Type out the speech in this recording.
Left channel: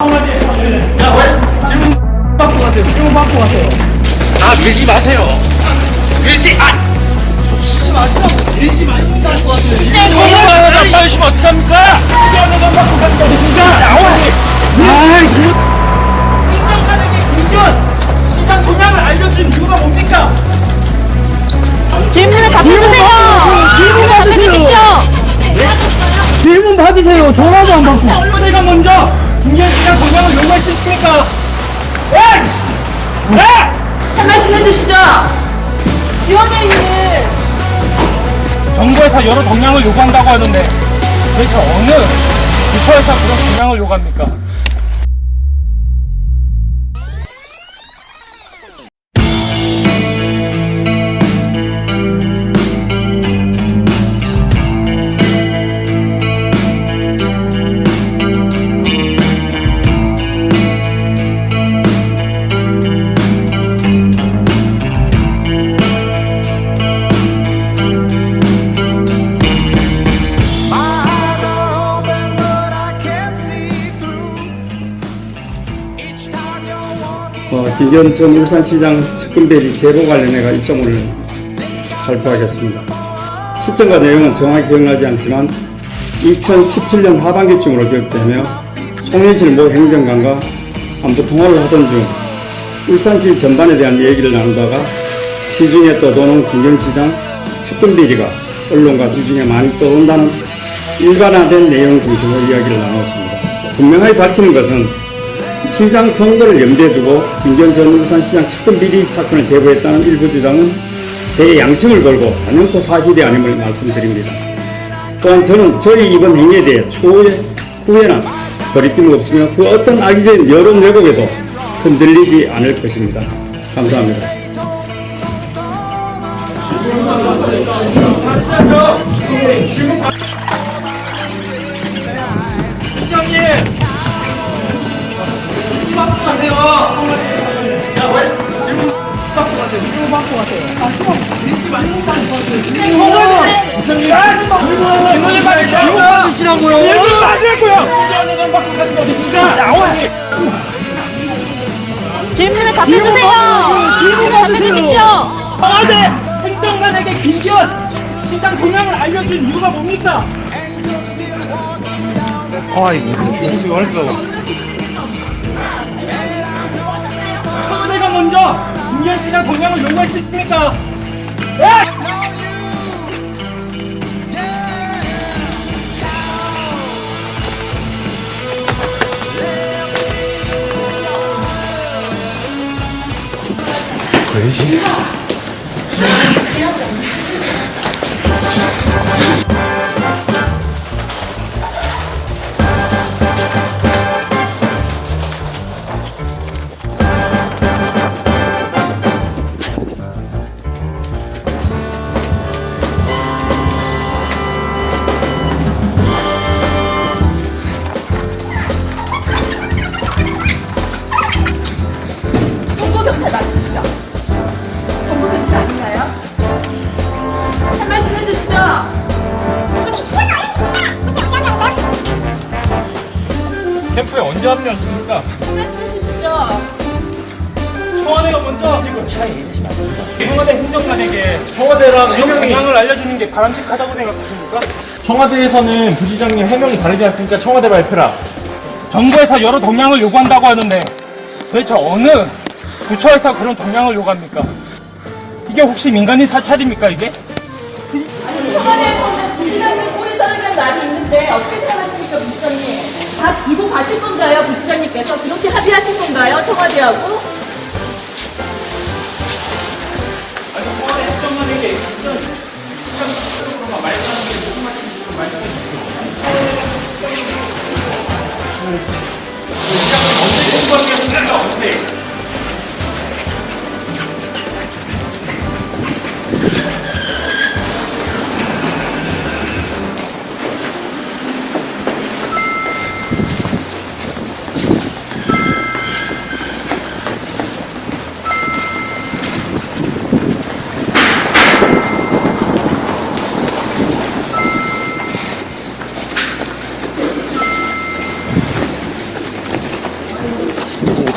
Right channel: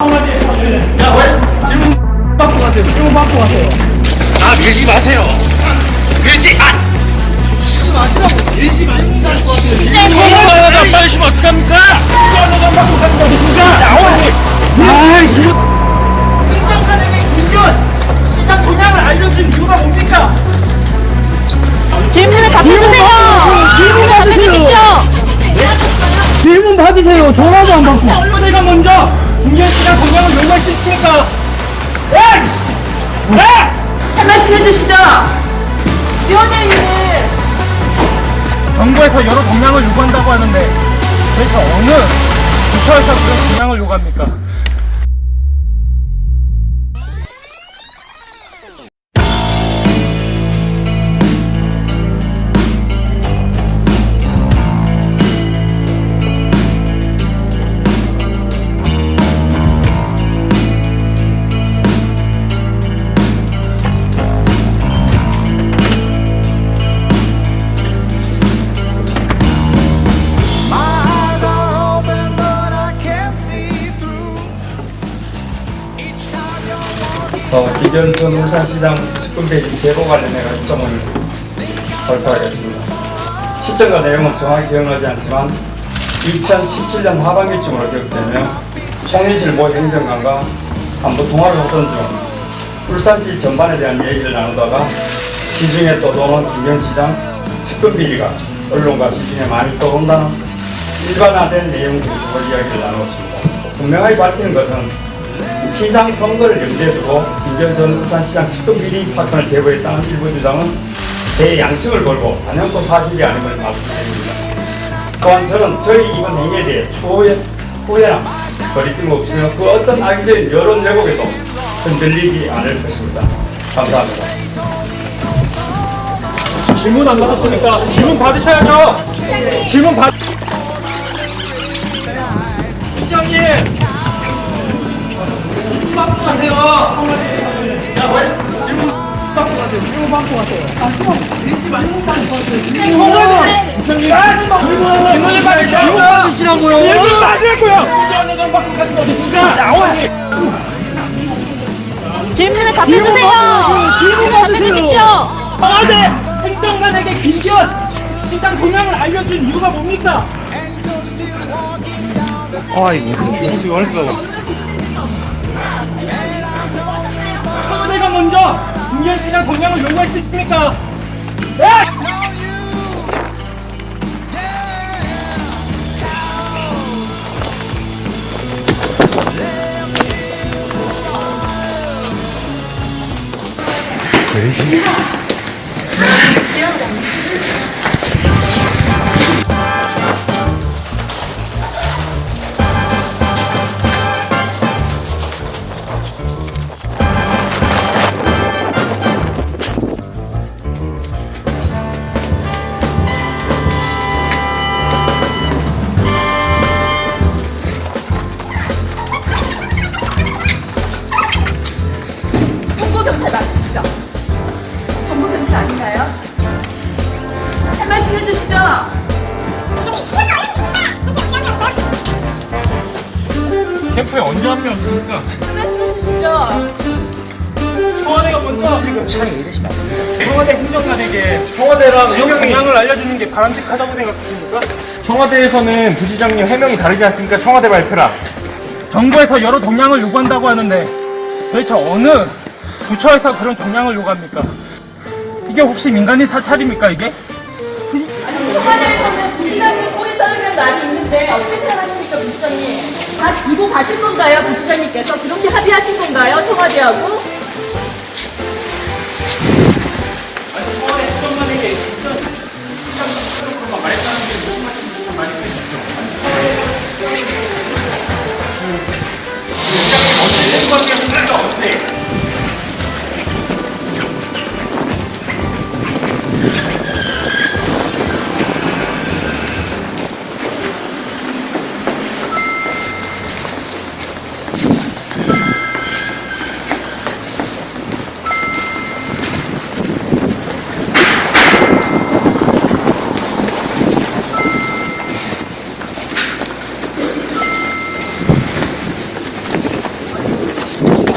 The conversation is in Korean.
야, 왜 질문 받고 가세요. 질문 받고 가세요. 아 밀지 마세요. 밀지 마. 전화가 빨리 시면 어떡합니까? 전화가 받고 가는 거 어딨습니까? 나오니! 아이씨! 인간! 시장 동향을 알려준 이유가 뭡니까? 질문에 답해주세요. 질문에 답해주십시오. 질문 받으세요. 전화도 안 받고. 언론에가 먼저 김기현시장 동향을 요구했습니까? 야! 야! 말씀 해 주시죠. 위원회의는 정부에서 여러 동향을 요구한다고 하는데 도대체 어느 부처에서 그런 동향을 요구합니까? 어, 전 울산시장 측근대리 제보 관련해가 입장을 발표하겠습니다. 시점과 내용은 정확히 기억나지 않지만 2017년 하반기쯤으로 기억되며 송민실 모 행정관과 안보 통화를 하던 중 울산시 전반에 대한 얘기를 나누다가 시중에 떠도는 김현시장 측근비리가 언론과 시중에 많이 떠온다는 일반화된 내용 중심으로 이야기를 나눴습니다. 분명하게 밝히는 것은 시장 선거를 염두에 두고 김전 전 울산시장 측근 비리 사건을 제보했다는 일부 주장은 제 양심을 걸고 단연코 사실이 아님을 말씀드립니다. 또한 저는 저희 이번 행위에 대해 추후에 후회나 거리낌 없으며 그 어떤 악의적인 여론 왜곡에도 흔들리지 않을 것입니다. 감사합니다. 질문 안 받으셨죠? 질문 받으셔야죠. 질문 받. 시장님. 가세요. 야, 왜? 가세요. 가세요. 아, 밀지 말고 받으시라고요. 받으라고요. 질문에 답해주세요. 질문에 답해주십시오. 청와대 행정관에게 김기현 시장 동향을 알려준 이유가 뭡니까? 청 와대가 먼저 김기현 시장 동향을 요구했습니까? 예! 정보 캠프에 언제 합류했습니까? 말씀해 주시죠. 청와대가 먼저 지금 청와대 행정관에게 청와대랑 시장 동향을 알려주는 게 바람직하다고 생각하십니까? 청와대에서는 부시장님 해명이 다르지 않습니까? 청와대 발표랑 정부에서 여러 동향을 요구한다고 하는데 도대체 어느 부처에서 그런 동향을 요구합니까? 이게 혹시 민간인 사찰입니까 이게? 아니, 청와대에서는 부시장님 꼬리 자르면 날이 있는데 어떻게 생각하십니까, 부시장님? 다 지고 가실 건가요, 부시장님께서? 그렇게 합의하신 건가요, 청와대하고?